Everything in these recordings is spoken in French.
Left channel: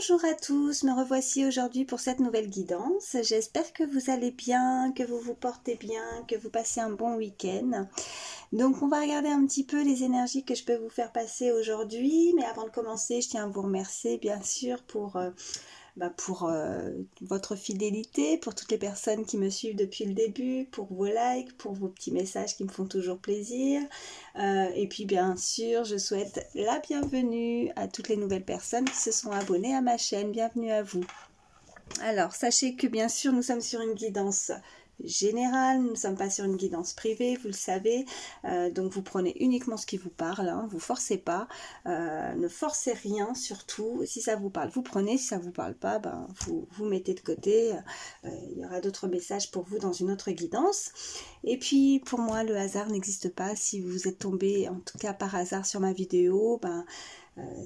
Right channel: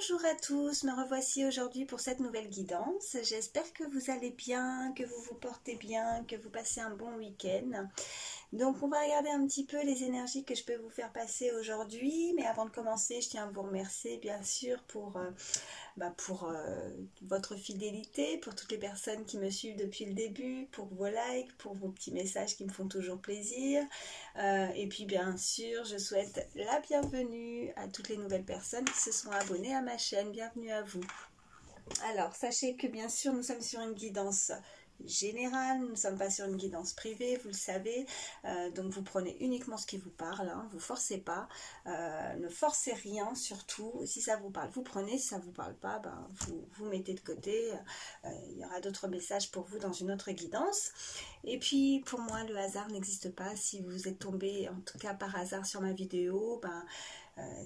Bonjour à tous, me revoici aujourd'hui pour cette nouvelle guidance. J'espère que vous allez bien, que vous vous portez bien, que vous passez un bon week-end. Donc on va regarder un petit peu les énergies que je peux vous faire passer aujourd'hui. Mais avant de commencer, je tiens à vous remercier bien sûr pour votre fidélité, pour toutes les personnes qui me suivent depuis le début, pour vos likes, pour vos petits messages qui me font toujours plaisir. Et puis bien sûr, je souhaite la bienvenue à toutes les nouvelles personnes qui se sont abonnées à ma chaîne. Bienvenue à vous. Alors, sachez que bien sûr, nous sommes sur une guidance générale, nous ne sommes pas sur une guidance privée, vous le savez, donc vous prenez uniquement ce qui vous parle, hein, vous forcez pas, ne forcez rien surtout, si ça vous parle vous prenez, si ça vous parle pas, vous mettez de côté, il y aura d'autres messages pour vous dans une autre guidance. Et puis pour moi le hasard n'existe pas, si vous êtes tombé en tout cas par hasard sur ma vidéo,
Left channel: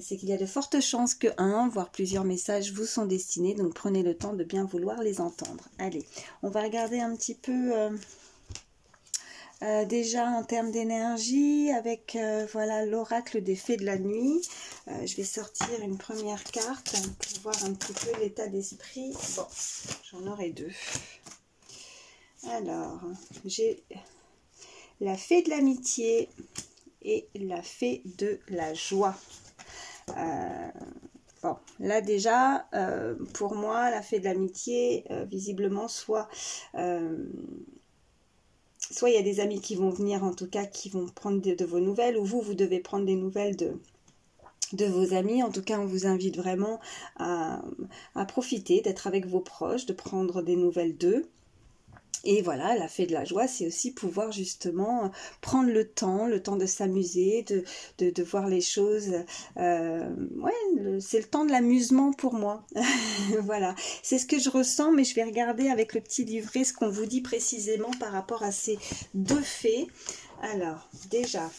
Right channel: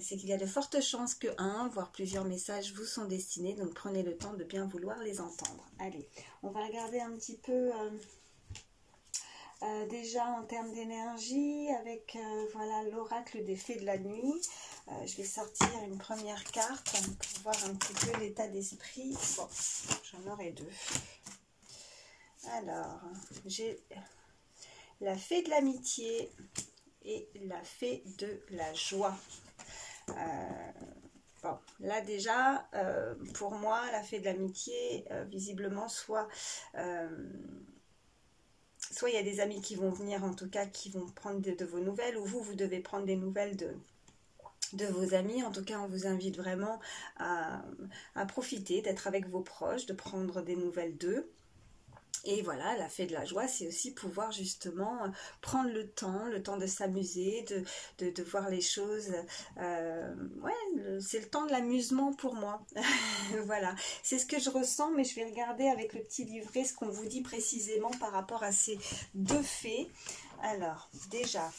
c'est qu'il y a de fortes chances que un, voire plusieurs messages vous sont destinés, donc prenez le temps de bien vouloir les entendre. Allez, on va regarder un petit peu déjà en termes d'énergie avec voilà l'oracle des fées de la nuit. Je vais sortir une première carte pour voir un petit peu l'état d'esprit. Bon, j'en aurai deux. Alors, j'ai la fée de l'amitié et la fée de la joie. Bon, là déjà, pour moi, la fée de l'amitié, visiblement, soit il y a des amis qui vont venir, en tout cas, qui vont prendre de vos nouvelles, ou vous devez prendre des nouvelles de vos amis. En tout cas, on vous invite vraiment à profiter, d'être avec vos proches, de prendre des nouvelles d'eux. Et voilà, la fée de la joie, c'est aussi pouvoir justement prendre le temps de s'amuser, de voir les choses. C'est le temps de l'amusement pour moi. Voilà, c'est ce que je ressens, mais je vais regarder avec le petit livret ce qu'on vous dit précisément par rapport à ces deux fées. Alors, déjà...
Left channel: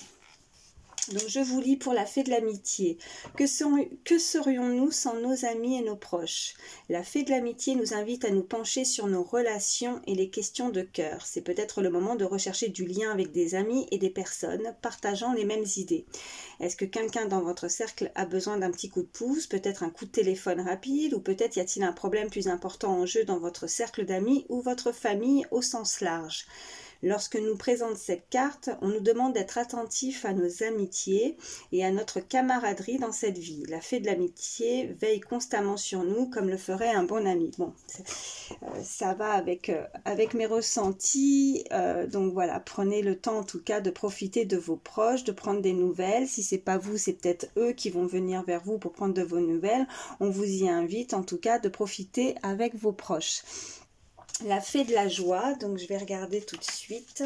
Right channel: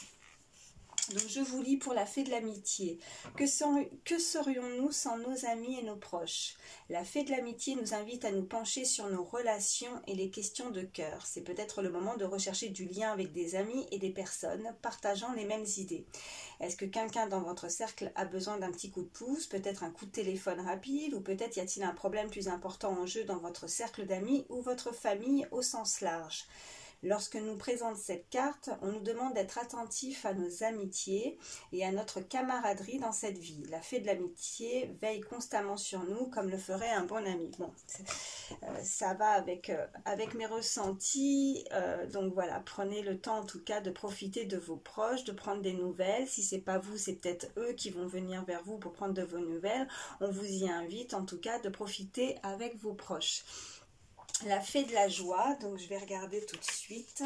Donc je vous lis pour la fée de l'amitié. Que serions-nous sans nos amis et nos proches? La fée de l'amitié nous invite à nous pencher sur nos relations et les questions de cœur. C'est peut-être le moment de rechercher du lien avec des amis et des personnes partageant les mêmes idées. Est-ce que quelqu'un dans votre cercle a besoin d'un petit coup de pouce, peut-être un coup de téléphone rapide, ou peut-être y a-t-il un problème plus important en jeu dans votre cercle d'amis ou votre famille au sens large? Lorsque nous présente cette carte, on nous demande d'être attentif à nos amitiés et à notre camaraderie dans cette vie. La fée de l'amitié veille constamment sur nous comme le ferait un bon ami. Bon, ça va avec mes ressentis. Donc voilà, prenez le temps en tout cas de profiter de vos proches, de prendre des nouvelles. Si c'est pas vous, c'est peut-être eux qui vont venir vers vous pour prendre de vos nouvelles. On vous y invite en tout cas de profiter avec vos proches. La fée de la joie, donc je vais regarder tout de suite.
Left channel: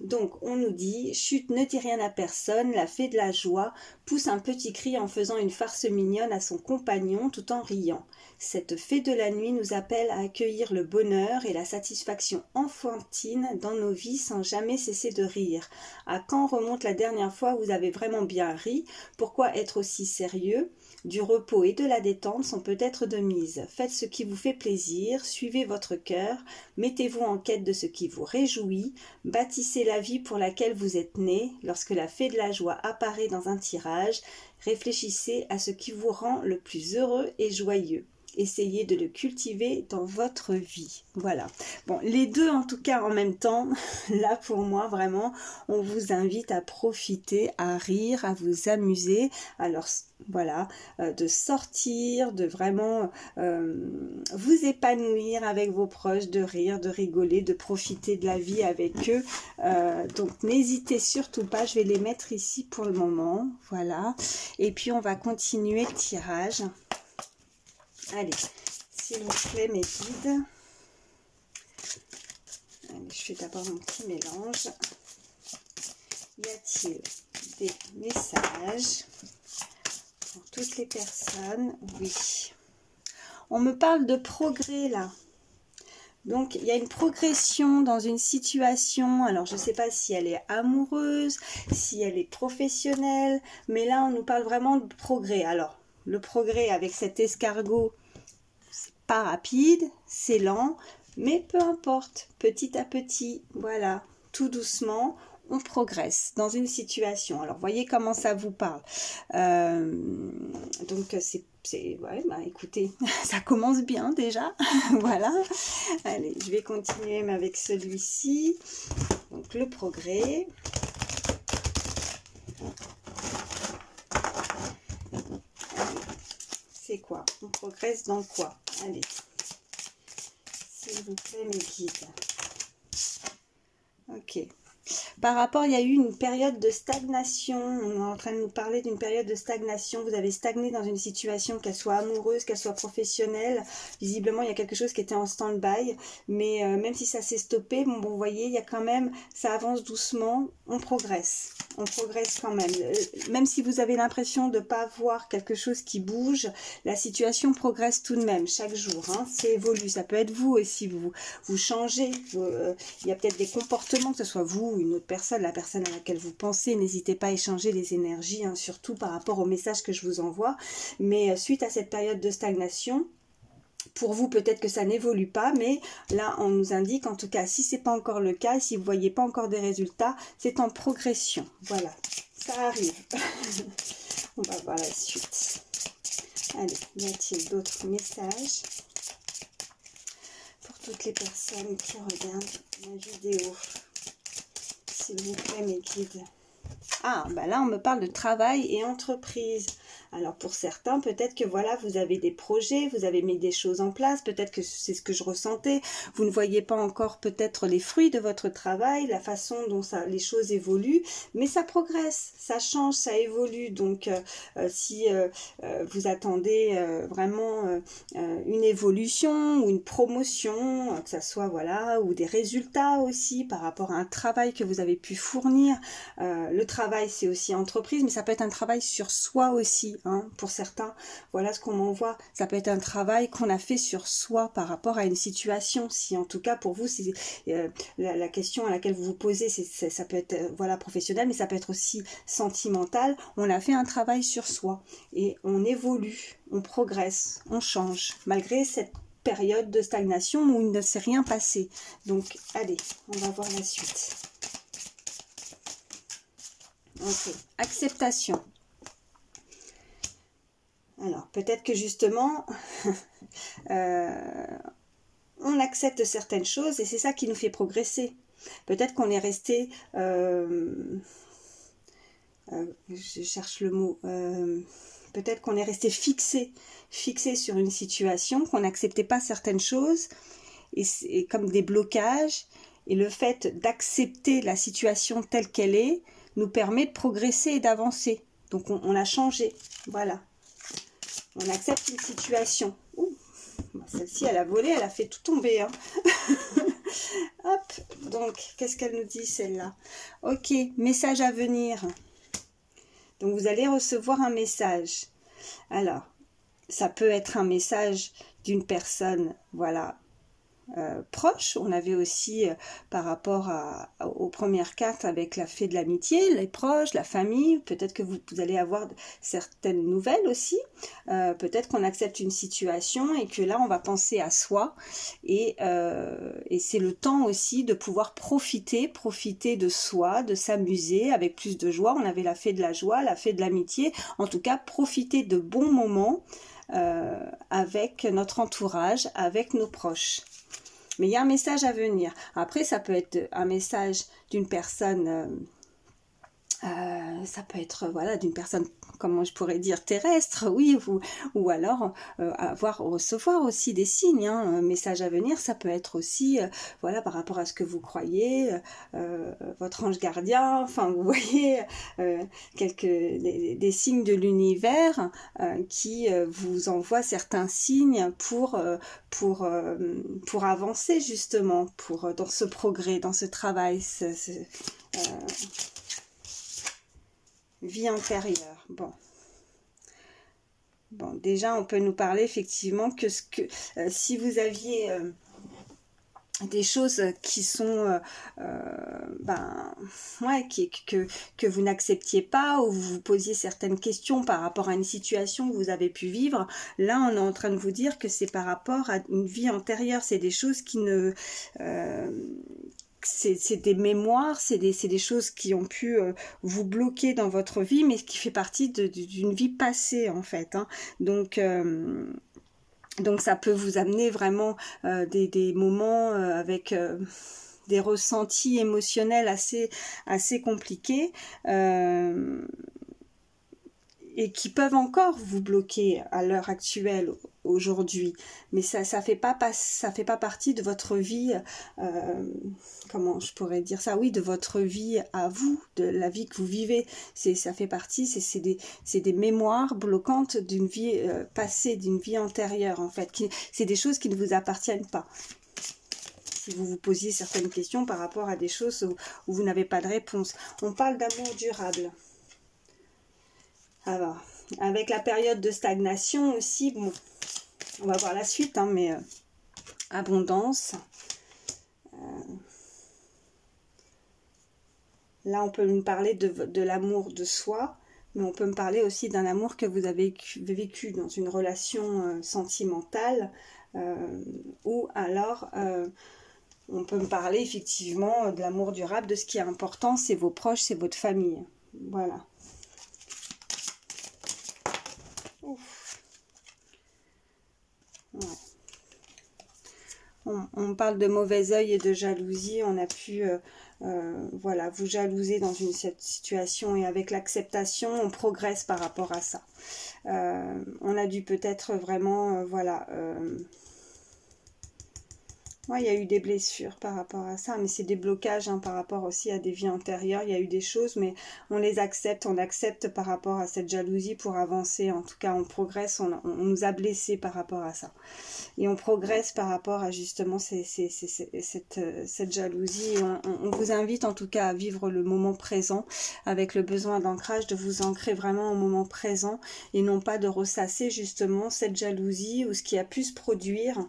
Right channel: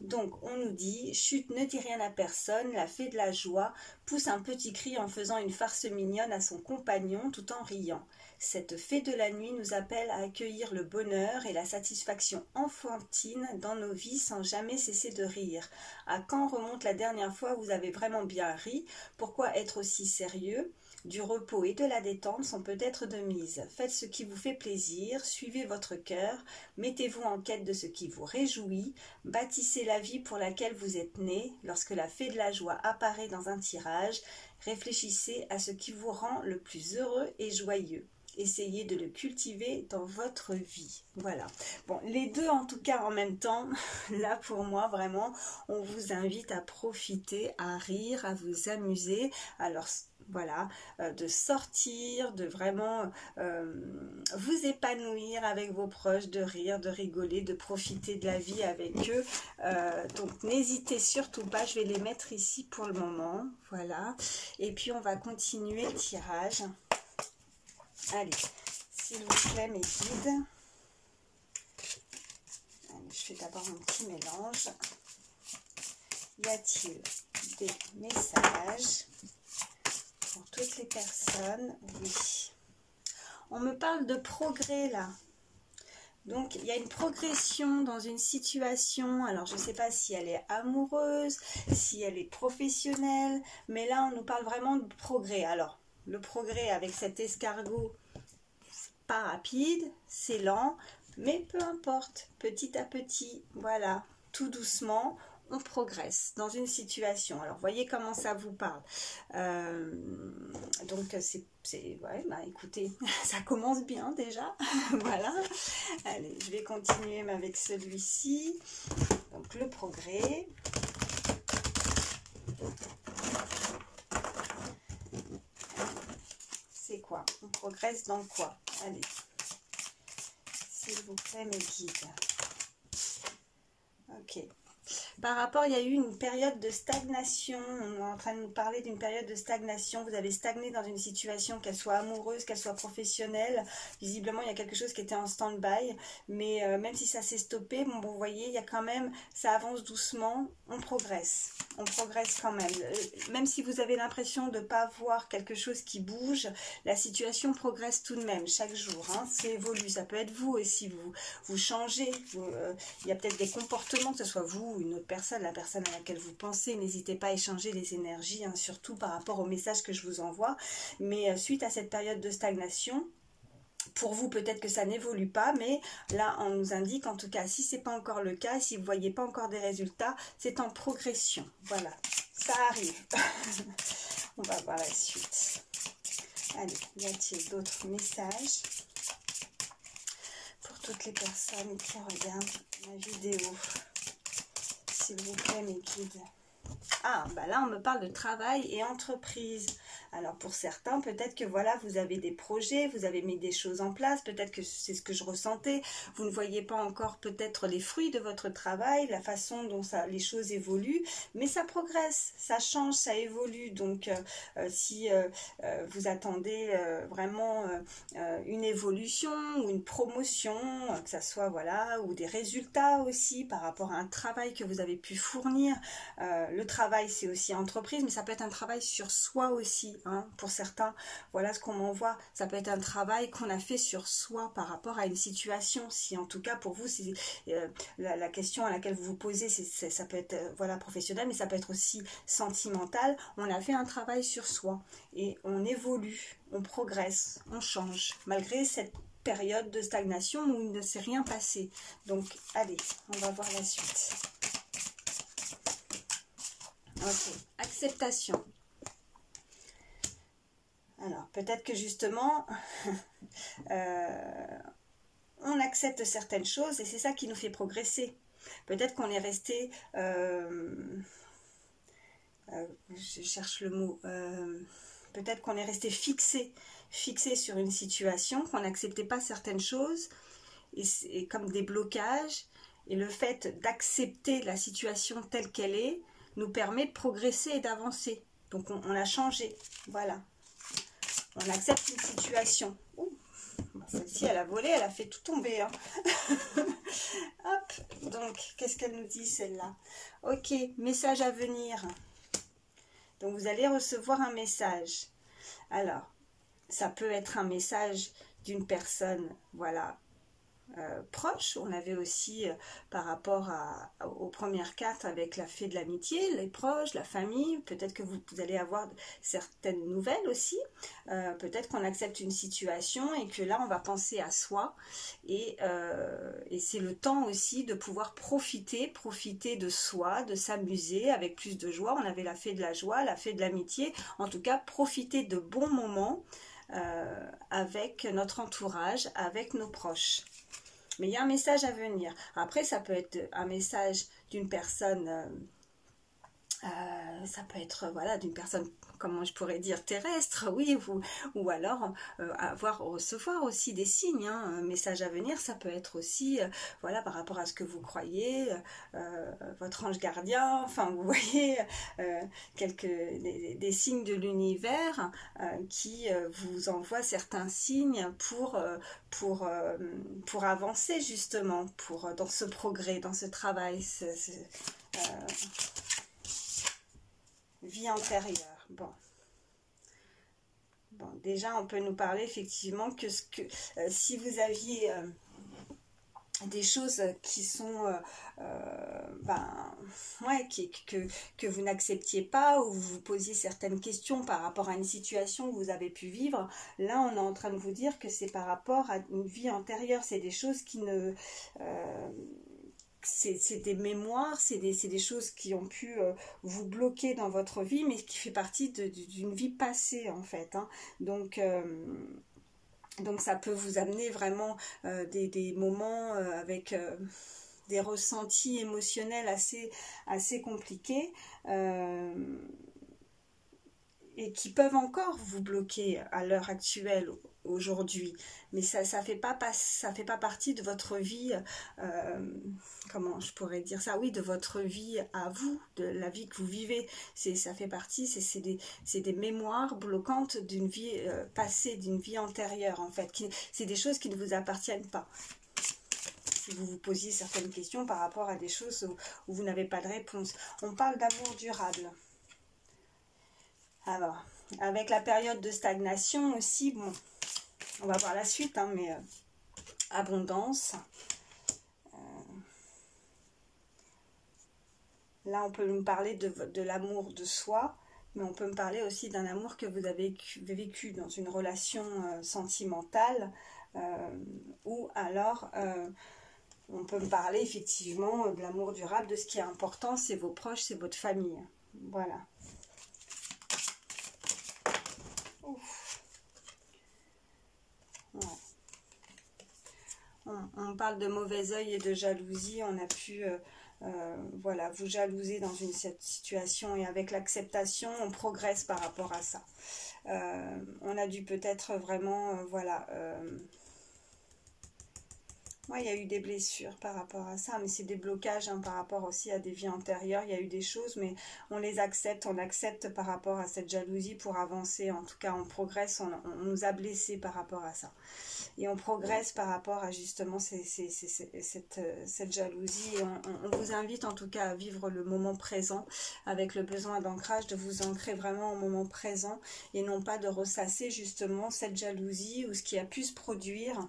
Donc on nous dit, chut, ne dis rien à personne, la fée de la joie pousse un petit cri en faisant une farce mignonne à son compagnon tout en riant. Cette fée de la nuit nous appelle à accueillir le bonheur et la satisfaction enfantine dans nos vies sans jamais cesser de rire. À quand remonte la dernière fois où vous avez vraiment bien ri? Pourquoi être aussi sérieux? Du repos et de la détente sont peut-être de mise. Faites ce qui vous fait plaisir, suivez votre cœur, mettez-vous en quête de ce qui vous réjouit, bâtissez la vie pour laquelle vous êtes né. Lorsque la fée de la joie apparaît dans un tirage, réfléchissez à ce qui vous rend le plus heureux et joyeux. Essayez de le cultiver dans votre vie. Voilà. Bon, les deux en tout cas en même temps, là pour moi vraiment, on vous invite à profiter, à rire, à vous amuser. Alors voilà, de sortir, de vraiment vous épanouir avec vos proches, de rire, de rigoler, de profiter de la vie avec eux. Donc n'hésitez surtout pas, je vais les mettre ici pour le moment. Voilà. Et puis on va continuer le tirage. Allez, s'il vous plaît, mes guides. Allez, je fais d'abord mon petit mélange. Y a-t-il des messages pour toutes les personnes? Oui. On me parle de progrès là. Donc, il y a une progression dans une situation. Alors, je ne sais pas si elle est amoureuse, si elle est professionnelle. Mais là, on nous parle vraiment de progrès. Alors, le progrès avec cet escargot, c'est pas rapide, c'est lent, mais peu importe, petit à petit, voilà, tout doucement, on progresse dans une situation. Alors, voyez comment ça vous parle. Donc, ouais, bah, écoutez, ça commence bien déjà. Voilà. Allez, je vais continuer avec celui-ci. Donc, le progrès. C'est quoi? On progresse dans quoi? Allez. S'il vous plaît, mes guides. Ok. Par rapport, il y a eu une période de stagnation. On est en train de nous parler d'une période de stagnation. Vous avez stagné dans une situation, qu'elle soit amoureuse, qu'elle soit professionnelle. Visiblement, il y a quelque chose qui était en stand-by. Mais même si ça s'est stoppé, bon, vous voyez, il y a quand même, ça avance doucement. On progresse. On progresse quand même. Même si vous avez l'impression de ne pas voir quelque chose qui bouge, la situation progresse tout de même chaque jour. Hein. C'est évolue. Ça peut être vous aussi. Vous changez. Il y a peut-être des comportements, que ce soit vous ou une autre personne, la personne à laquelle vous pensez. N'hésitez pas à échanger les énergies, hein, surtout par rapport au message que je vous envoie. Mais suite à cette période de stagnation, pour vous, peut-être que ça n'évolue pas, mais là, on nous indique, en tout cas, si ce n'est pas encore le cas, si vous ne voyez pas encore des résultats, c'est en progression. Voilà, ça arrive. On va voir la suite. Allez, y a-t-il d'autres messages pour toutes les personnes qui regardent ma vidéo? S'il vous plaît, mes guides. Ah, bah là, on me parle de travail et entreprise. Alors, pour certains, peut-être que voilà, vous avez des projets, vous avez mis des choses en place, peut-être que c'est ce que je ressentais. Vous ne voyez pas encore peut-être les fruits de votre travail, la façon dont les choses évoluent, mais ça progresse, ça change, ça évolue. Donc, si vous attendez vraiment une évolution ou une promotion, que ça soit, voilà, ou des résultats aussi par rapport à un travail que vous avez pu fournir. Le travail, c'est aussi entreprise, mais ça peut être un travail sur soi aussi. Hein, pour certains, voilà ce qu'on m'envoie. Ça peut être un travail qu'on a fait sur soi par rapport à une situation. Si en tout cas pour vous, c'est la question à laquelle vous vous posez, ça peut être voilà professionnel, mais ça peut être aussi sentimental. On a fait un travail sur soi et on évolue, on progresse, on change malgré cette période de stagnation où il ne s'est rien passé. Donc allez, on va voir la suite. Ok, acceptation. Alors, peut-être que justement, on accepte certaines choses et c'est ça qui nous fait progresser. Peut-être qu'on est resté, je cherche le mot, peut-être qu'on est resté fixé sur une situation, qu'on n'acceptait pas certaines choses et comme des blocages. Et le fait d'accepter la situation telle qu'elle est nous permet de progresser et d'avancer. Donc, on l'a changé, voilà. On accepte une situation. Celle-ci, elle a volé, elle a fait tout tomber. Hein. Hop, donc, qu'est-ce qu'elle nous dit, celle-là? Ok, message à venir. Donc, vous allez recevoir un message. Alors, ça peut être un message d'une personne, voilà, proche. On avait aussi par rapport aux premières cartes avec la fée de l'amitié, les proches, la famille, peut-être que vous allez avoir certaines nouvelles aussi, peut-être qu'on accepte une situation et que là on va penser à soi et c'est le temps aussi de pouvoir profiter de soi, de s'amuser avec plus de joie. On avait la fée de la joie, la fée de l'amitié, en tout cas profiter de bons moments avec notre entourage, avec nos proches. Mais il y a un message à venir. Après, ça peut être un message d'une personne, ça peut être voilà d'une personne, comment je pourrais dire, terrestre, oui, ou alors recevoir aussi des signes. Hein, un message à venir, ça peut être aussi, voilà, par rapport à ce que vous croyez, votre ange gardien, enfin, vous voyez, des signes de l'univers qui vous envoient certains signes pour avancer justement, dans ce progrès, dans ce travail, vie intérieure. Bon, déjà on peut nous parler effectivement que si vous aviez des choses qui sont que vous n'acceptiez pas, ou vous vous posiez certaines questions par rapport à une situation que vous avez pu vivre, là on est en train de vous dire que c'est par rapport à une vie antérieure, c'est des choses qui ne c'est des mémoires, c'est des choses qui ont pu vous bloquer dans votre vie, mais qui fait partie d'une vie passée en fait, hein. Donc ça peut vous amener vraiment des moments avec des ressentis émotionnels assez compliqués. Et qui peuvent encore vous bloquer à l'heure actuelle, aujourd'hui. Mais ça fait pas partie de votre vie, comment je pourrais dire ça? Oui, de votre vie à vous, de la vie que vous vivez. Ça fait partie, c'est des mémoires bloquantes d'une vie passée, d'une vie antérieure, en fait. C'est des choses qui ne vous appartiennent pas. Si vous vous posiez certaines questions par rapport à des choses où vous n'avez pas de réponse. On parle d'amour durable. Alors, avec la période de stagnation aussi, bon, on va voir la suite, hein, mais abondance. Là, on peut me parler de l'amour de soi, mais on peut me parler aussi d'un amour que vous avez vécu dans une relation sentimentale, ou alors on peut me parler effectivement de l'amour durable, de ce qui est important, c'est vos proches, c'est votre famille. Voilà. Ouais. On parle de mauvais œil et de jalousie. On a pu voilà, vous jalouser dans cette situation, et avec l'acceptation, on progresse par rapport à ça. On a dû peut-être vraiment, voilà... Ouais, il y a eu des blessures par rapport à ça, mais c'est des blocages hein, par rapport aussi à des vies antérieures. Il y a eu des choses, mais on les accepte, on accepte par rapport à cette jalousie pour avancer. En tout cas, on progresse, on nous a blessés par rapport à ça. Et on progresse par rapport à justement cette jalousie. Et on vous invite en tout cas à vivre le moment présent avec le besoin d'ancrage, de vous ancrer vraiment au moment présent et non pas de ressasser justement cette jalousie ou ce qui a pu se produire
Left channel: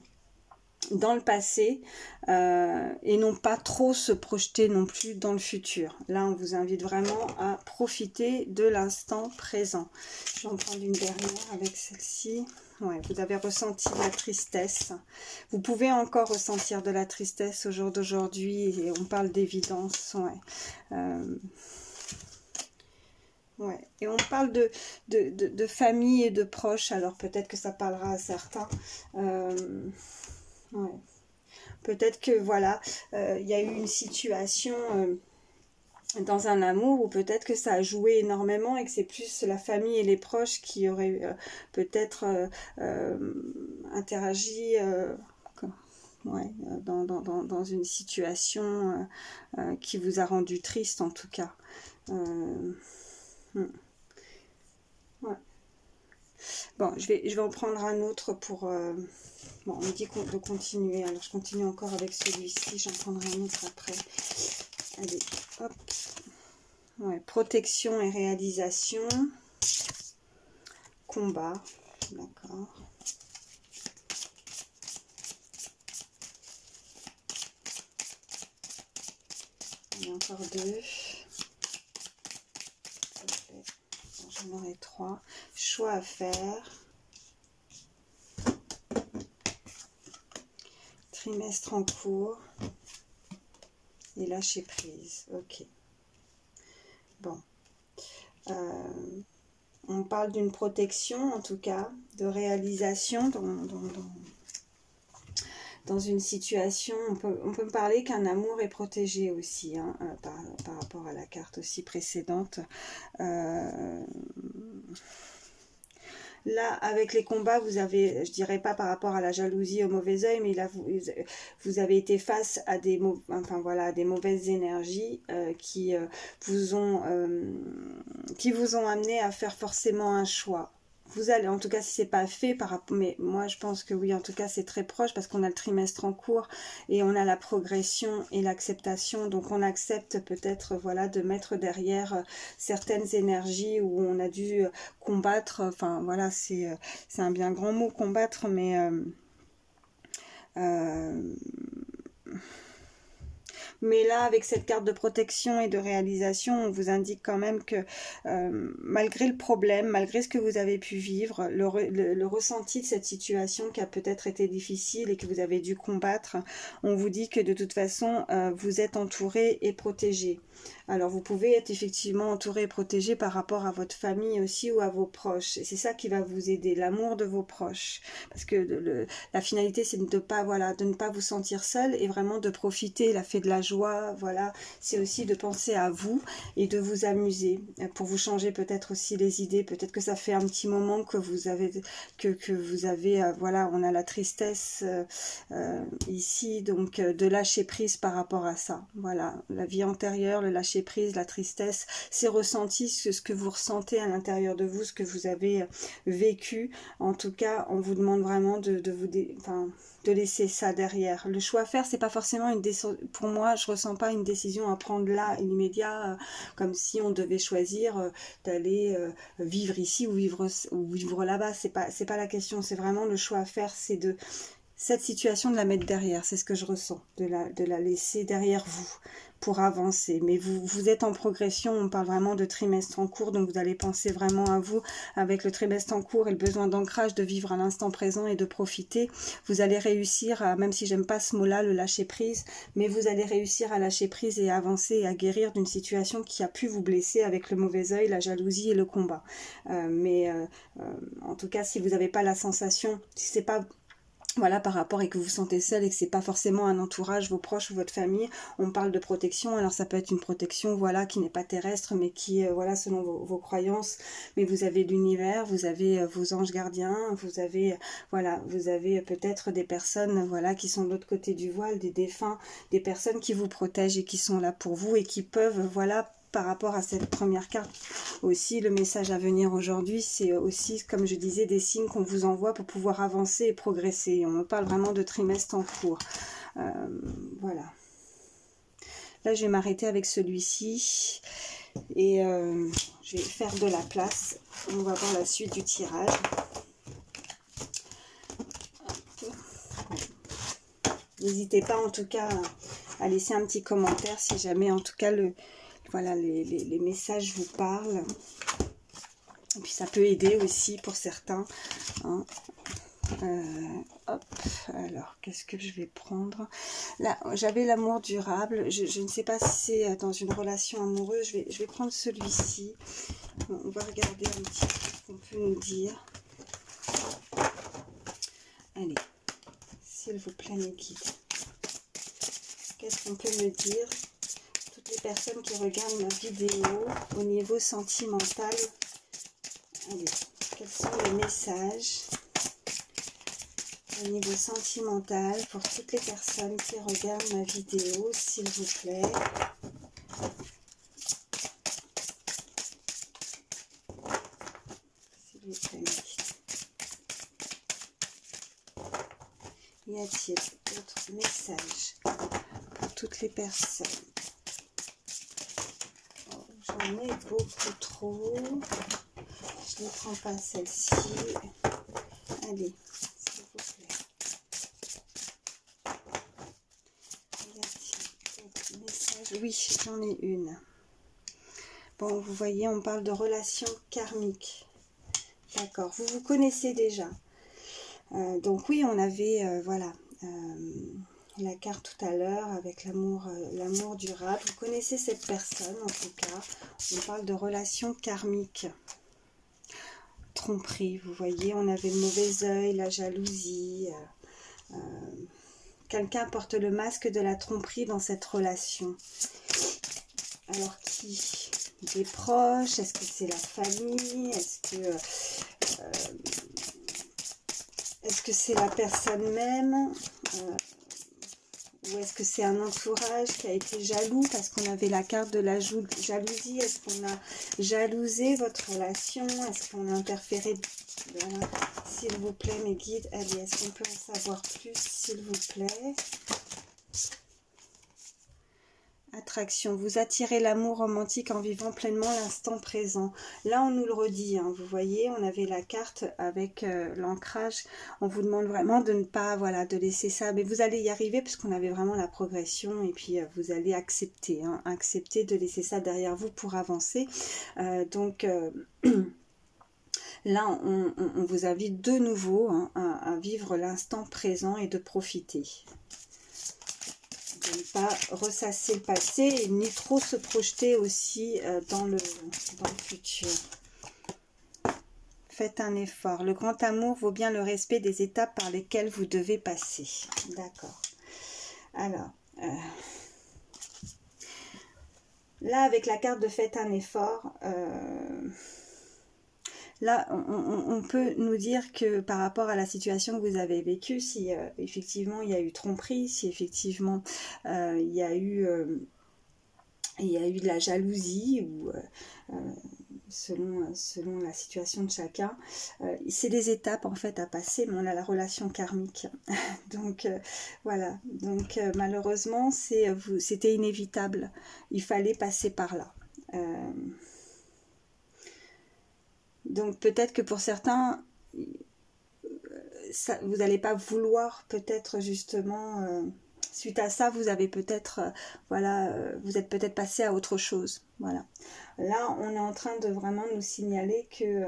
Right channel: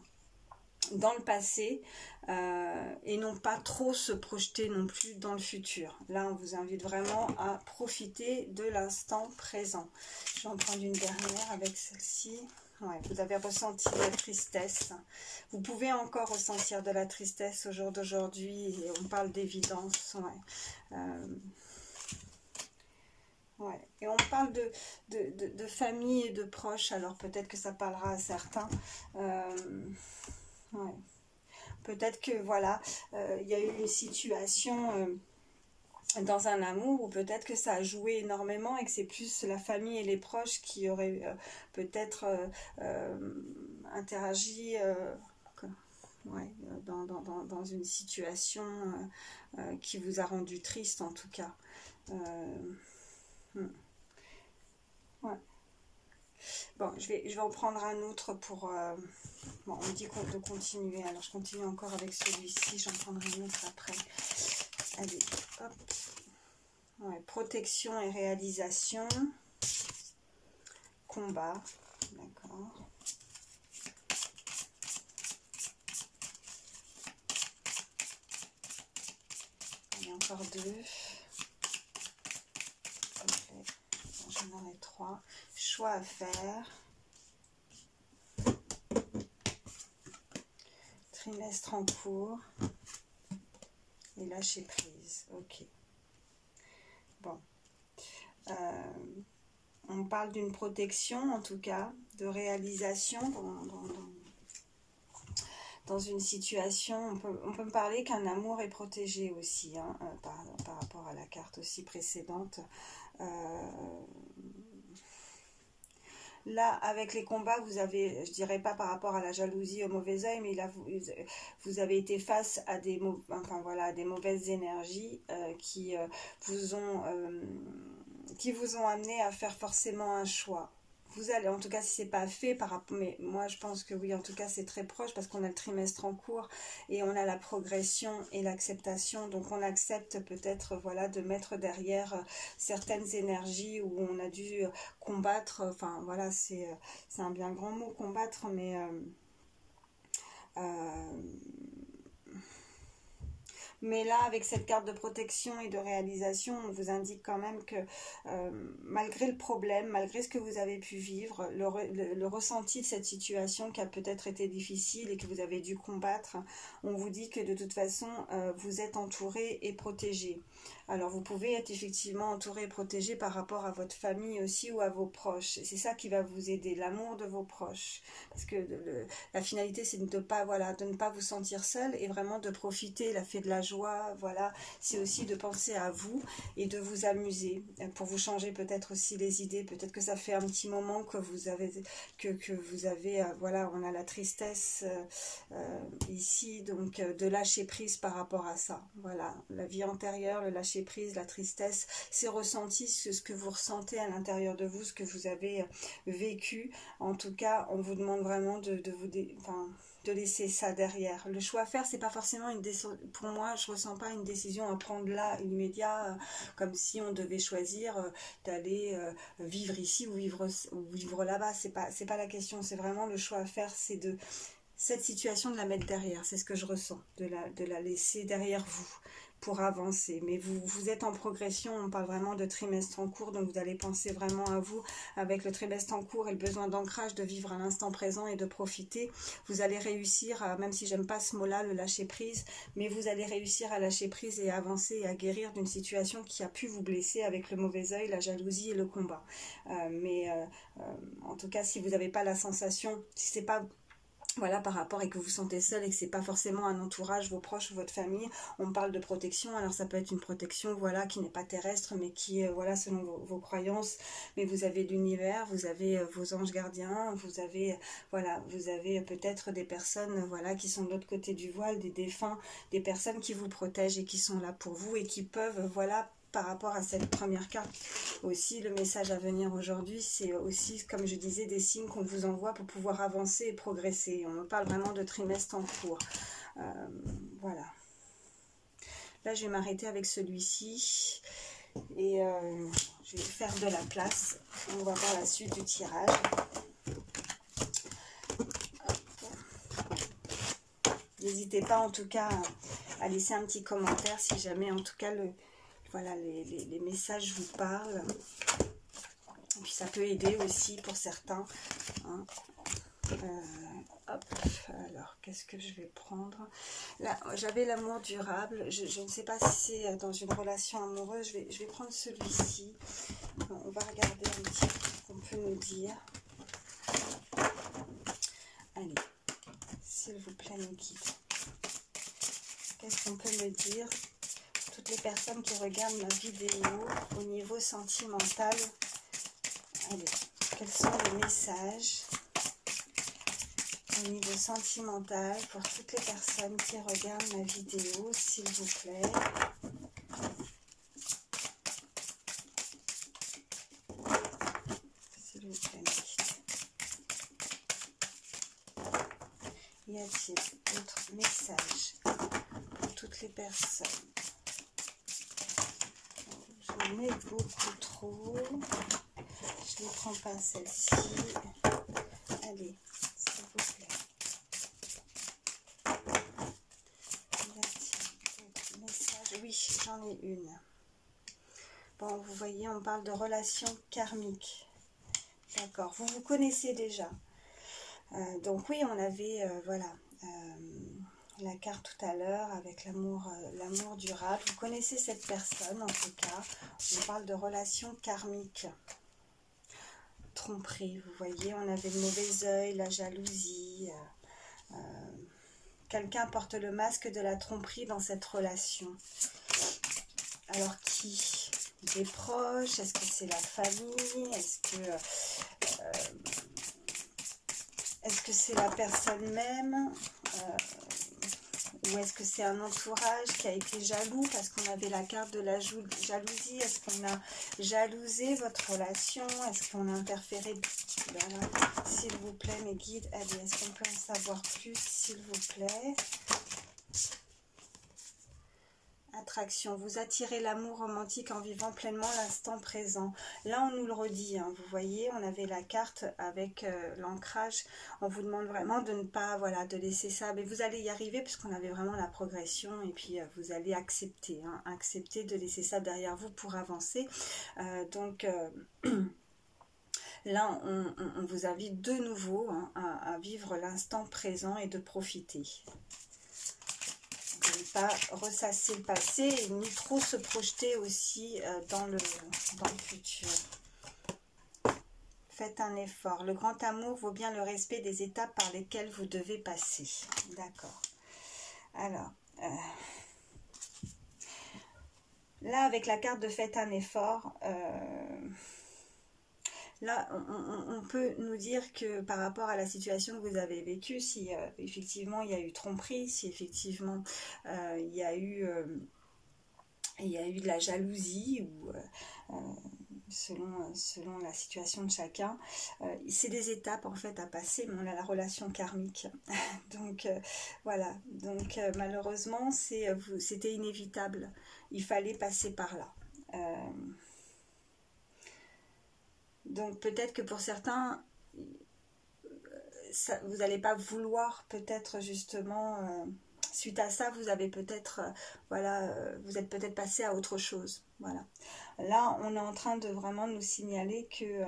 dans le passé et non pas trop se projeter non plus dans le futur. Là, on vous invite vraiment à profiter de l'instant présent. Je vais en prendre une dernière avec celle-ci. Ouais, vous avez ressenti de la tristesse. Vous pouvez encore ressentir de la tristesse au jour d'aujourd'hui, et on parle d'évidence. Ouais. Ouais. Et on parle de famille et de proches, alors peut-être que ça parlera à certains. Ouais. Peut-être que voilà, y a eu une situation dans un amour où peut-être que ça a joué énormément et que c'est plus la famille et les proches qui auraient peut-être interagi ouais, dans une situation qui vous a rendu triste en tout cas. Ouais. Bon, je vais en prendre un autre pour... bon, on me dit de continuer. Alors, je continue encore avec celui-ci. J'en prendrai un autre après. Allez, hop. Ouais, protection et réalisation. Combat. D'accord. Il y en a encore deux. J'en aurai trois. Choix à faire. Trimestre en cours. Et lâcher prise. Ok. Bon. On parle d'une protection, en tout cas, de réalisation dans une situation. On peut me parler qu'un amour est protégé aussi, hein, par rapport à la carte aussi précédente. Là, avec les combats, vous avez, je dirais pas par rapport à la jalousie, au mauvais œil, mais là, vous avez été face à des, enfin, voilà, à des mauvaises énergies qui vous ont amené à faire forcément un choix. Vous allez, en tout cas, si c'est pas fait par rapport, mais moi je pense que oui, en tout cas c'est très proche parce qu'on a le trimestre en cours et on a la progression et l'acceptation, donc on accepte peut-être, voilà, de mettre derrière certaines énergies où on a dû combattre, enfin voilà, c'est un bien grand mot, combattre, mais Mais là, avec cette carte de protection et de réalisation, on vous indique quand même que malgré le problème, malgré ce que vous avez pu vivre, le ressenti de cette situation qui a peut-être été difficile et que vous avez dû combattre, on vous dit que de toute façon, vous êtes entouré et protégé. Alors vous pouvez être effectivement entouré et protégé par rapport à votre famille aussi ou à vos proches. Et c'est ça qui va vous aider, l'amour de vos proches. Parce que la finalité c'est de ne pas vous sentir seul et vraiment de profiter, la fée de la joie, voilà. C'est aussi de penser à vous et de vous amuser pour vous changer peut-être aussi les idées. Peut-être que ça fait un petit moment que vous avez, voilà, on a la tristesse ici, donc de lâcher prise par rapport à ça. Voilà, la vie antérieure, le lâcher prise, la tristesse, c'est ressenti, ce que vous ressentez à l'intérieur de vous, ce que vous avez vécu. En tout cas, on vous demande vraiment de laisser ça derrière. Le choix à faire, c'est pas forcément une décision. Pour moi, je ressens pas une décision à prendre là, immédiat, comme si on devait choisir d'aller vivre ici ou vivre là-bas. C'est pas la question. C'est vraiment le choix à faire, c'est de cette situation de la mettre derrière. C'est ce que je ressens, de la laisser derrière vous pour avancer. Mais vous êtes en progression, on parle vraiment de trimestre en cours, donc vous allez penser vraiment à vous avec le trimestre en cours et le besoin d'ancrage, de vivre à l'instant présent et de profiter. Vous allez réussir, même si j'aime pas ce mot-là, le lâcher prise, mais vous allez réussir à lâcher prise et à avancer et à guérir d'une situation qui a pu vous blesser avec le mauvais œil, la jalousie et le combat. En tout cas, si vous n'avez pas la sensation, si c'est pas... Voilà, par rapport et que vous vous sentez seul et que c'est pas forcément un entourage, vos proches ou votre famille, on parle de protection. Alors ça peut être une protection, voilà, qui n'est pas terrestre, mais qui est, voilà, selon vos croyances. Mais vous avez l'univers, vous avez vos anges gardiens, vous avez, voilà, vous avez peut-être des personnes, voilà, qui sont de l'autre côté du voile, des défunts, des personnes qui vous protègent et qui sont là pour vous et qui peuvent, voilà, par rapport à cette première carte aussi, le message à venir aujourd'hui, c'est aussi, comme je disais, des signes qu'on vous envoie pour pouvoir avancer et progresser. On me parle vraiment de trimestre en cours. Voilà. Là, je vais m'arrêter avec celui-ci et je vais faire de la place. On va voir la suite du tirage. N'hésitez pas en tout cas à laisser un petit commentaire si jamais en tout cas voilà, les messages vous parlent. Et puis ça peut aider aussi pour certains. Hein. Hop, alors qu'est-ce que je vais prendre? Là, j'avais l'amour durable. Je ne sais pas si c'est dans une relation amoureuse. Je vais prendre celui-ci. On va regarder un petit peu ce qu'on peut nous dire. Allez, s'il vous plaît, mes guides. Qu'est-ce qu'on peut me dire? Toutes les personnes qui regardent ma vidéo au niveau sentimental. Allez, quels sont les messages au niveau sentimental pour toutes les personnes qui regardent ma vidéo, s'il vous plaît? S'il vous plaît. Y a-t-il d'autres messages pour toutes les personnes? J'en ai beaucoup trop. Je ne prends pas celle-ci. Allez, s'il vous plaît. Y a-t-il d'autres messages? Oui, j'en ai une. Bon, vous voyez, on parle de relations karmiques. D'accord, vous vous connaissez déjà. Donc oui, on avait, voilà, la carte tout à l'heure avec l'amour durable. Vous connaissez cette personne, en tout cas. On parle de relations karmiques. Tromperie, vous voyez, on avait le mauvais œil, la jalousie. Quelqu'un porte le masque de la tromperie dans cette relation. Alors qui? Des proches? Est-ce que c'est la famille? Est-ce que c'est la personne même? Ou est-ce que c'est un entourage qui a été jaloux parce qu'on avait la carte de la jalousie? Est-ce qu'on a jalousé votre relation? Est-ce qu'on a interféré? Voilà. S'il vous plaît, mes guides, allez, est-ce qu'on peut en savoir plus, s'il vous plaît? l'attraction. Vous attirez l'amour romantique en vivant pleinement l'instant présent. Là, on nous le redit, hein, vous voyez, on avait la carte avec l'ancrage. On vous demande vraiment de ne pas, voilà, de laisser ça. Mais vous allez y arriver puisqu'on avait vraiment la progression. Et puis, vous allez accepter, hein, accepter de laisser ça derrière vous pour avancer. Là, on vous invite de nouveau, hein, à vivre l'instant présent et de profiter. De ne pas ressasser le passé, ni trop se projeter aussi dans le futur. Faites un effort. Le grand amour vaut bien le respect des étapes par lesquelles vous devez passer. D'accord. Alors, là, avec la carte de faites un effort, là, on peut nous dire que par rapport à la situation que vous avez vécue, si effectivement il y a eu tromperie, si effectivement il y a eu de la jalousie, ou selon la situation de chacun, c'est des étapes en fait à passer, mais on a la relation karmique. Donc voilà, donc malheureusement c'était inévitable, il fallait passer par là. Donc peut-être que pour certains, vous n'allez pas vouloir peut-être justement, suite à ça, vous avez peut-être, voilà, vous êtes peut-être passé à autre chose. Voilà. Là, on est en train de vraiment nous signaler que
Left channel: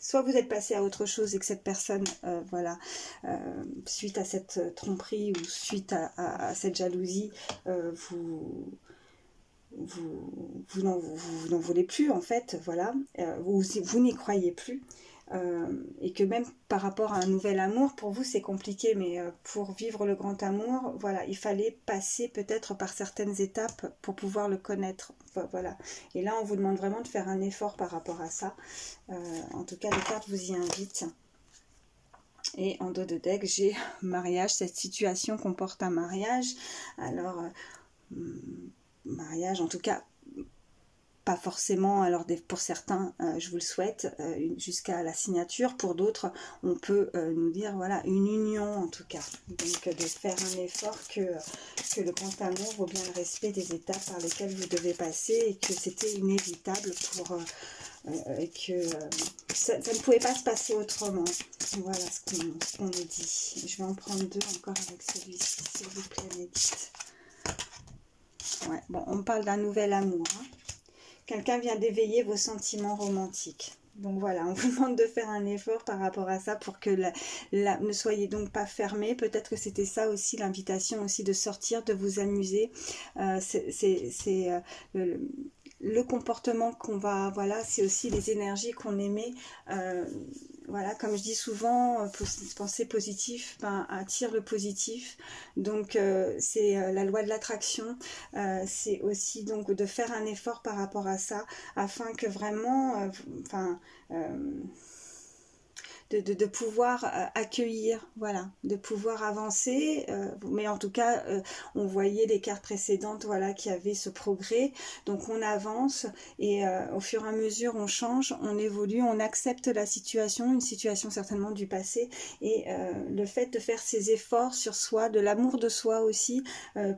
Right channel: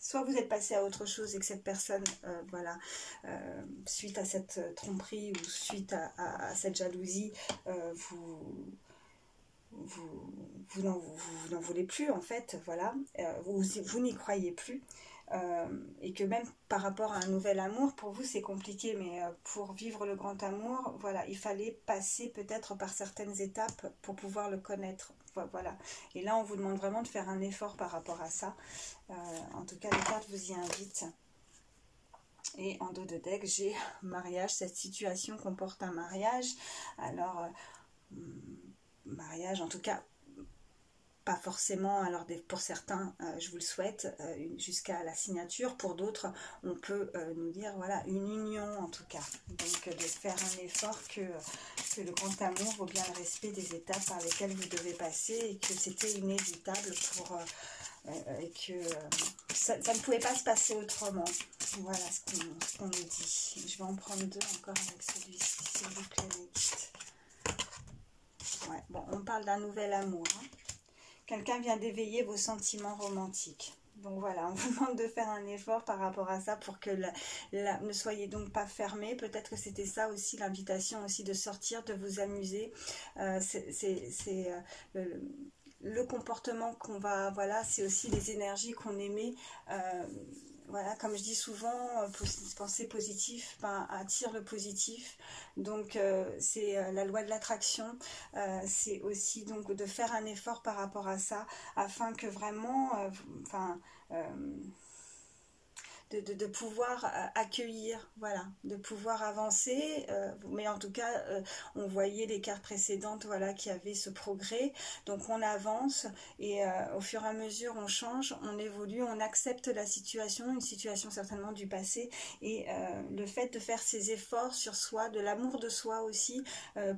soit vous êtes passé à autre chose et que cette personne, voilà, suite à cette tromperie ou suite à cette jalousie, vous n'en voulez plus en fait, voilà, vous n'y croyez plus, et que même par rapport à un nouvel amour, pour vous c'est compliqué, mais pour vivre le grand amour, voilà, il fallait passer peut-être par certaines étapes pour pouvoir le connaître, voilà. Et là on vous demande vraiment de faire un effort par rapport à ça. En tout cas les cartes vous y invitent. Et en dos de deck j'ai mariage, cette situation comporte un mariage. Alors mariage, en tout cas pas forcément, alors pour certains je vous le souhaite, jusqu'à la signature, pour d'autres on peut nous dire voilà, une union en tout cas, donc de faire un effort, que le grand amour vaut bien le respect des étapes par lesquelles vous devez passer, et que c'était inévitable et que ça ne pouvait pas se passer autrement. Voilà ce qu'on nous dit. Je vais en prendre deux encore avec celui-ci, s'il vous plaît, mes guides. Ouais, bon, on parle d'un nouvel amour, hein. Quelqu'un vient d'éveiller vos sentiments romantiques. Donc voilà, on vous demande de faire un effort par rapport à ça, pour que ne soyez donc pas fermés. Peut-être que c'était ça aussi l'invitation, aussi de sortir, de vous amuser. C'est le comportement qu'on va, voilà, c'est aussi les énergies qu'on émet. Voilà, comme je dis souvent, penser positif attire le positif. Donc c'est la loi de l'attraction. C'est aussi donc de faire un effort par rapport à ça, afin que vraiment, de pouvoir accueillir, voilà, de pouvoir avancer, mais en tout cas on voyait les cartes précédentes, voilà, qu'il y avait ce progrès, donc on avance, et au fur et à mesure on change, on évolue, on accepte la situation, une situation certainement du passé, et le fait de faire ces efforts sur soi, de l'amour de soi aussi,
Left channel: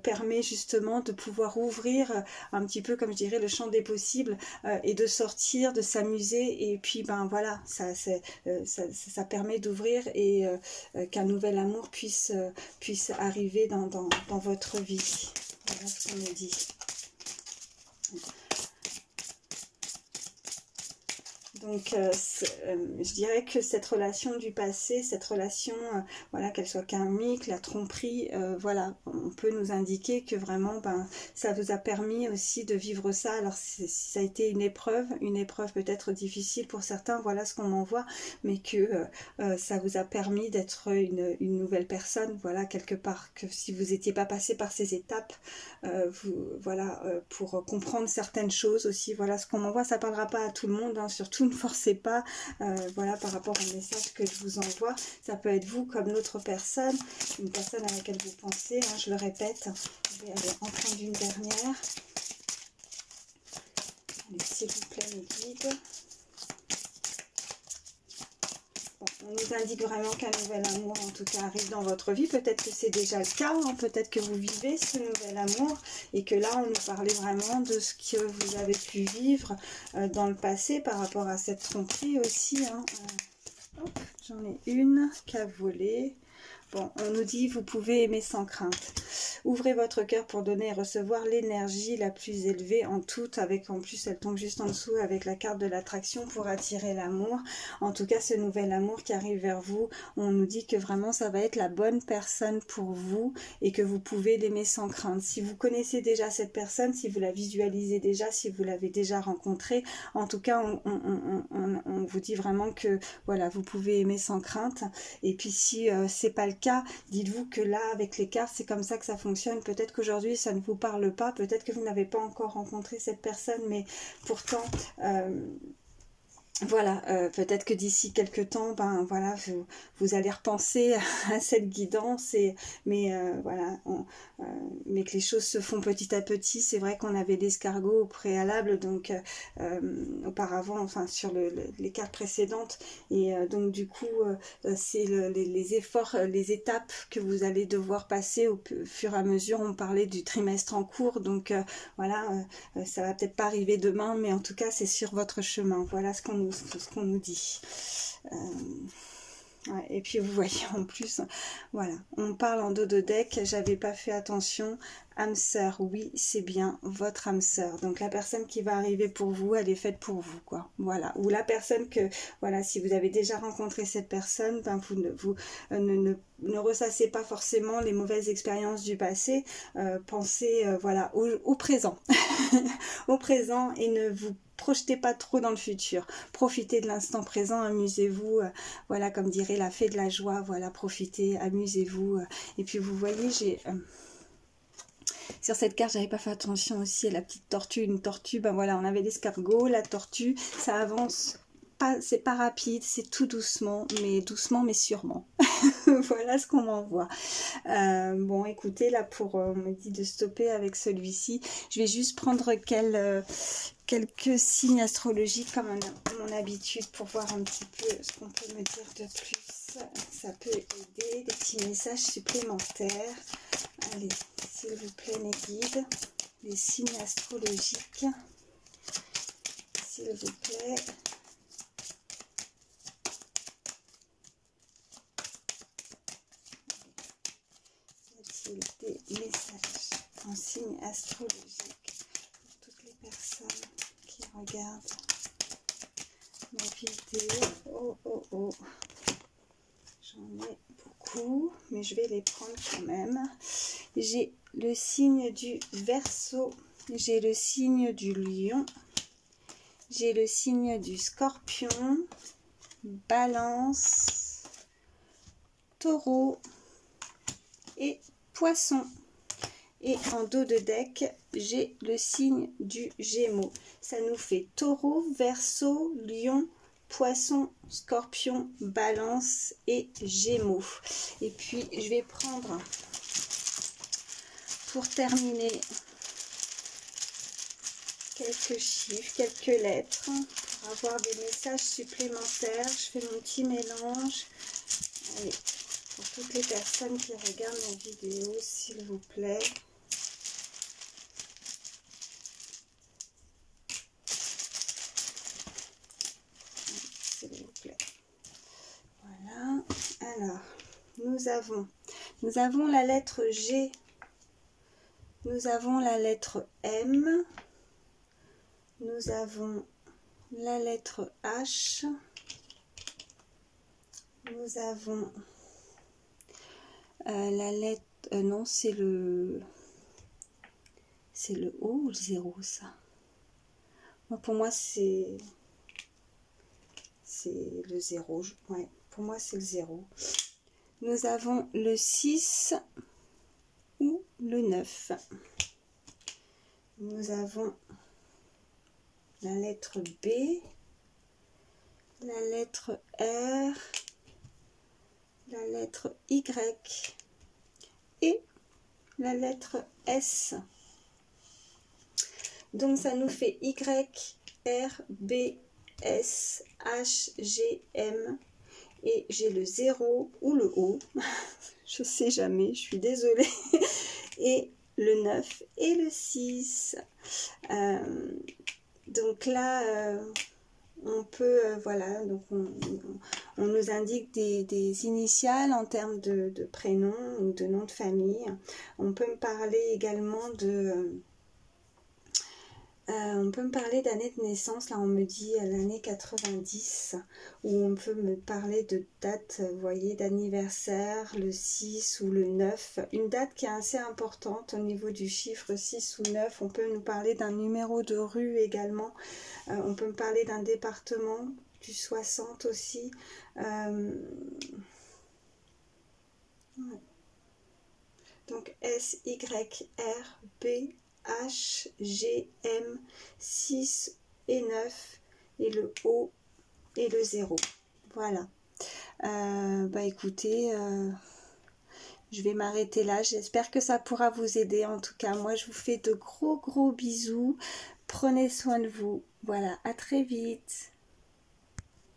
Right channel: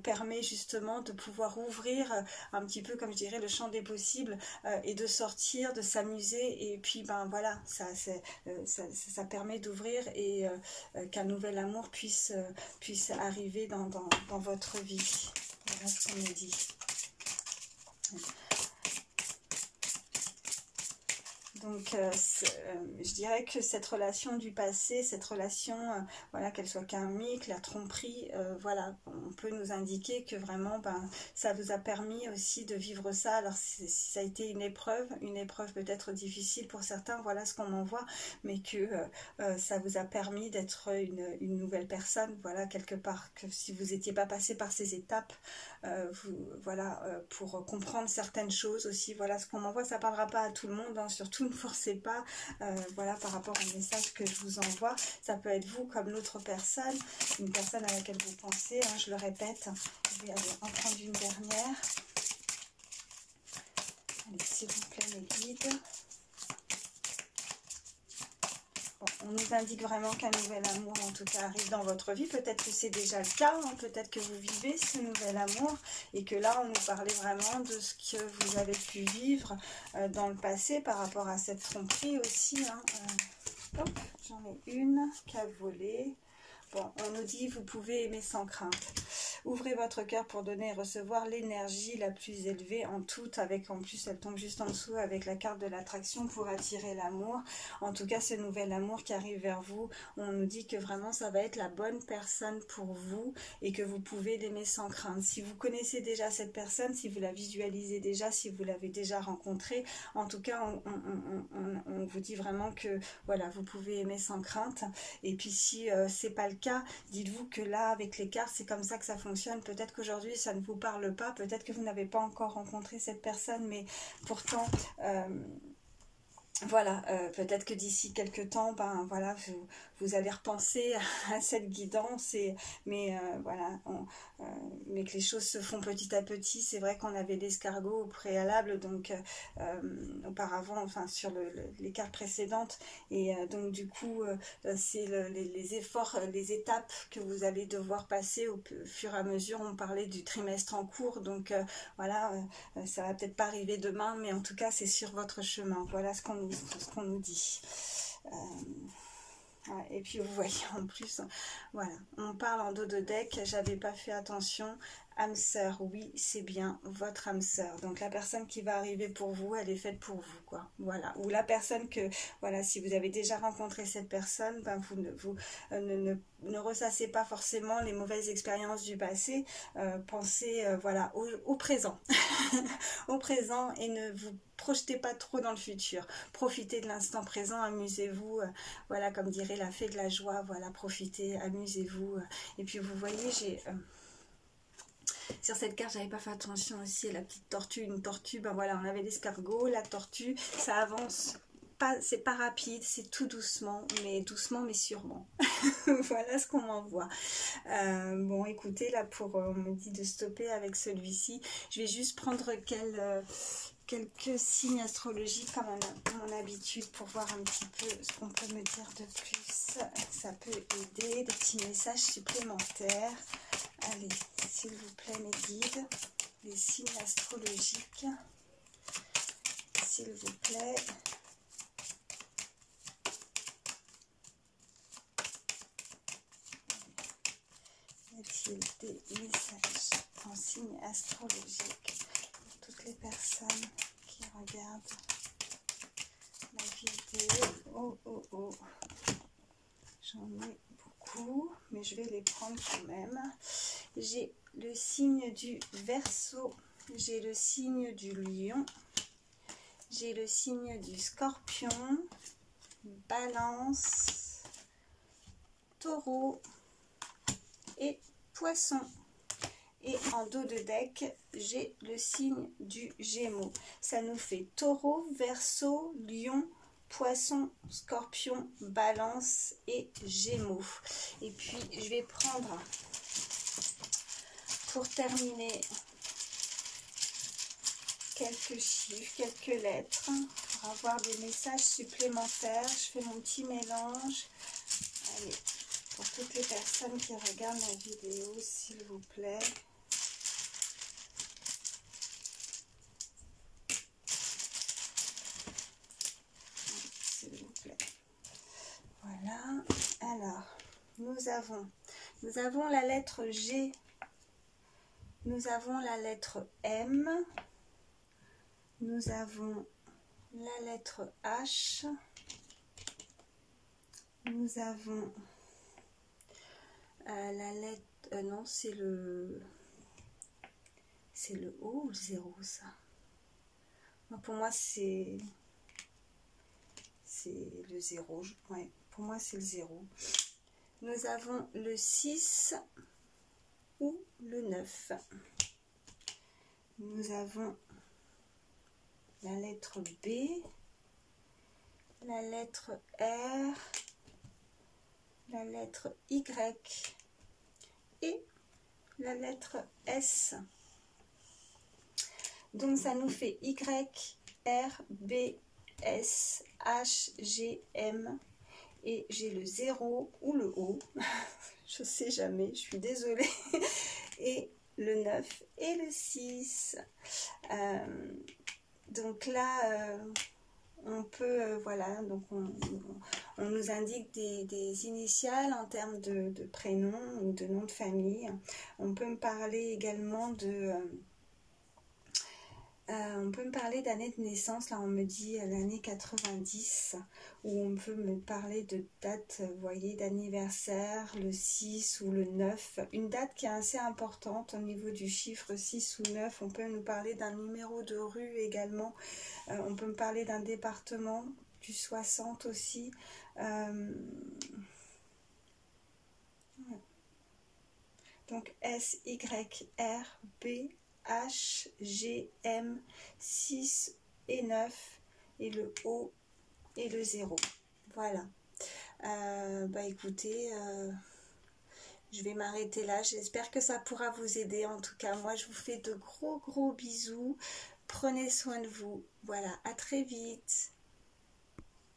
permet justement de pouvoir ouvrir un petit peu, comme je dirais, le champ des possibles, et de sortir, de s'amuser, et puis ben voilà, ça permet d'ouvrir, et qu'un nouvel amour puisse arriver dans votre vie. Voilà ce qu'on me dit. Donc je dirais que cette relation du passé, cette relation, voilà, qu'elle soit karmique, la tromperie, voilà, on peut nous indiquer que vraiment ça vous a permis aussi de vivre ça. Alors ça a été une épreuve peut-être difficile pour certains, voilà ce qu'on en voit, mais que ça vous a permis d'être une nouvelle personne, voilà, quelque part, que si vous n'étiez pas passé par ces étapes, pour comprendre certaines choses aussi, voilà ce qu'on envoie. Ça parlera pas à tout le monde, hein, surtout ne forcez pas, voilà, par rapport au message que je vous envoie. Ça peut être vous comme l'autre personne, une personne à laquelle vous pensez, hein, je le répète. Je vais aller en prendre une dernière. Allez, s'il vous plaît, mes guides. Bon, on On nous indique vraiment qu'un nouvel amour, en tout cas, arrive dans votre vie. Peut-être que c'est déjà le cas, hein, peut-être que vous vivez ce nouvel amour et que là, on nous parlait vraiment de ce que vous avez pu vivre dans le passé par rapport à cette tromperie aussi. Hein. Hop, j'en ai une qui a volé. Bon, on nous dit, vous pouvez aimer sans crainte. Ouvrez votre cœur pour donner et recevoir l'énergie la plus élevée en toute, avec en plus, elle tombe juste en dessous avec la carte de l'attraction pour attirer l'amour. En tout cas, ce nouvel amour qui arrive vers vous, on nous dit que vraiment, ça va être la bonne personne pour vous et que vous pouvez l'aimer sans crainte. Si vous connaissez déjà cette personne, si vous la visualisez déjà, si vous l'avez déjà rencontrée, en tout cas, on vous dit vraiment que, voilà, vous pouvez aimer sans crainte. Et puis, si c'est pas le cas, dites-vous que là, avec les cartes, c'est comme ça que ça fonctionne. Peut-être qu'aujourd'hui, ça ne vous parle pas. Peut-être que vous n'avez pas encore rencontré cette personne, mais pourtant... voilà, peut-être que d'ici quelques temps, ben voilà, vous allez repenser à cette guidance, mais voilà, mais que les choses se font petit à petit. C'est vrai qu'on avait l'escargot au préalable, donc auparavant, enfin sur les cartes précédentes, et donc du coup, c'est les efforts, les étapes que vous allez devoir passer au fur et à mesure. On parlait du trimestre en cours, donc voilà, ça va peut-être pas arriver demain, mais en tout cas, c'est sur votre chemin. Voilà ce qu'on nous dit. Ouais, et puis vous voyez en plus, voilà, on parle en dos de deck, j'avais pas fait attention, âme sœur, oui, c'est bien votre âme sœur. Donc la personne qui va arriver pour vous, elle est faite pour vous, quoi. Voilà. Ou la personne que, voilà, si vous avez déjà rencontré cette personne, ben vous ne ressassez pas forcément les mauvaises expériences du passé. Pensez, voilà, au présent, au présent, et ne vous projetez pas trop dans le futur. Profitez de l'instant présent, amusez-vous, voilà, comme dirait la fée de la joie, voilà, profitez, amusez-vous. Et puis vous voyez, j'ai... sur cette carte, j'avais pas fait attention aussi à la petite tortue. Une tortue, ben voilà, on avait l'escargot, la tortue, ça avance pas, c'est pas rapide, c'est tout doucement mais sûrement. Voilà ce qu'on m'envoie. Bon, écoutez, là, on me dit de stopper avec celui-ci. Je vais juste prendre quelques signes astrologiques comme mon habitude pour voir un petit peu ce qu'on peut me dire de plus. Ça peut aider, des petits messages supplémentaires. Allez, s'il vous plaît, mes guides, les signes astrologiques, s'il vous plaît. Y a-t-il des messages en signes astrologiques pour toutes les personnes qui regardent ma vidéo? Oh, oh, oh. J'en ai beaucoup, mais je vais les prendre quand même. J'ai le signe du Verseau, j'ai le signe du Lion, j'ai le signe du Scorpion, Balance, Taureau et Poisson. Et en dos de deck, j'ai le signe du Gémeaux. Ça nous fait Taureau, Verseau, Lion, Poisson, Scorpion, Balance et Gémeaux. Et puis, je vais prendre, pour terminer, quelques chiffres, quelques lettres, pour avoir des messages supplémentaires. Je fais mon petit mélange. Allez, pour toutes les personnes qui regardent ma vidéo, s'il vous plaît. Voilà, alors, nous avons la lettre G, nous avons la lettre M, nous avons la lettre H, nous avons la lettre, non, c'est le O ou le 0, ça? Moi, pour moi, c'est le 0, ouais. Pour moi, c'est le 0. Nous avons le 6 ou le 9. Nous avons la lettre B, la lettre R, la lettre Y et la lettre S. Donc, ça nous fait Y, R, B, S, H, G, M. Et j'ai le 0 ou le O, je sais jamais, je suis désolée, et le 9 et le 6. Donc là, on peut, voilà, donc on nous indique des initiales en termes de prénom ou de nom de famille. On peut me parler également on peut me parler d'année de naissance, là on me dit l'année 90, ou on peut me parler de date, vous voyez, d'anniversaire, le 6 ou le 9, une date qui est assez importante au niveau du chiffre 6 ou 9, on peut nous parler d'un numéro de rue également, on peut me parler d'un département, du 60 aussi, donc S, Y, R, B, H, G, M, 6 et 9, et le O et le 0. Voilà. Bah écoutez, je vais m'arrêter là. J'espère que ça pourra vous aider. En tout cas, moi, je vous fais de gros bisous. Prenez soin de vous. Voilà, à très vite.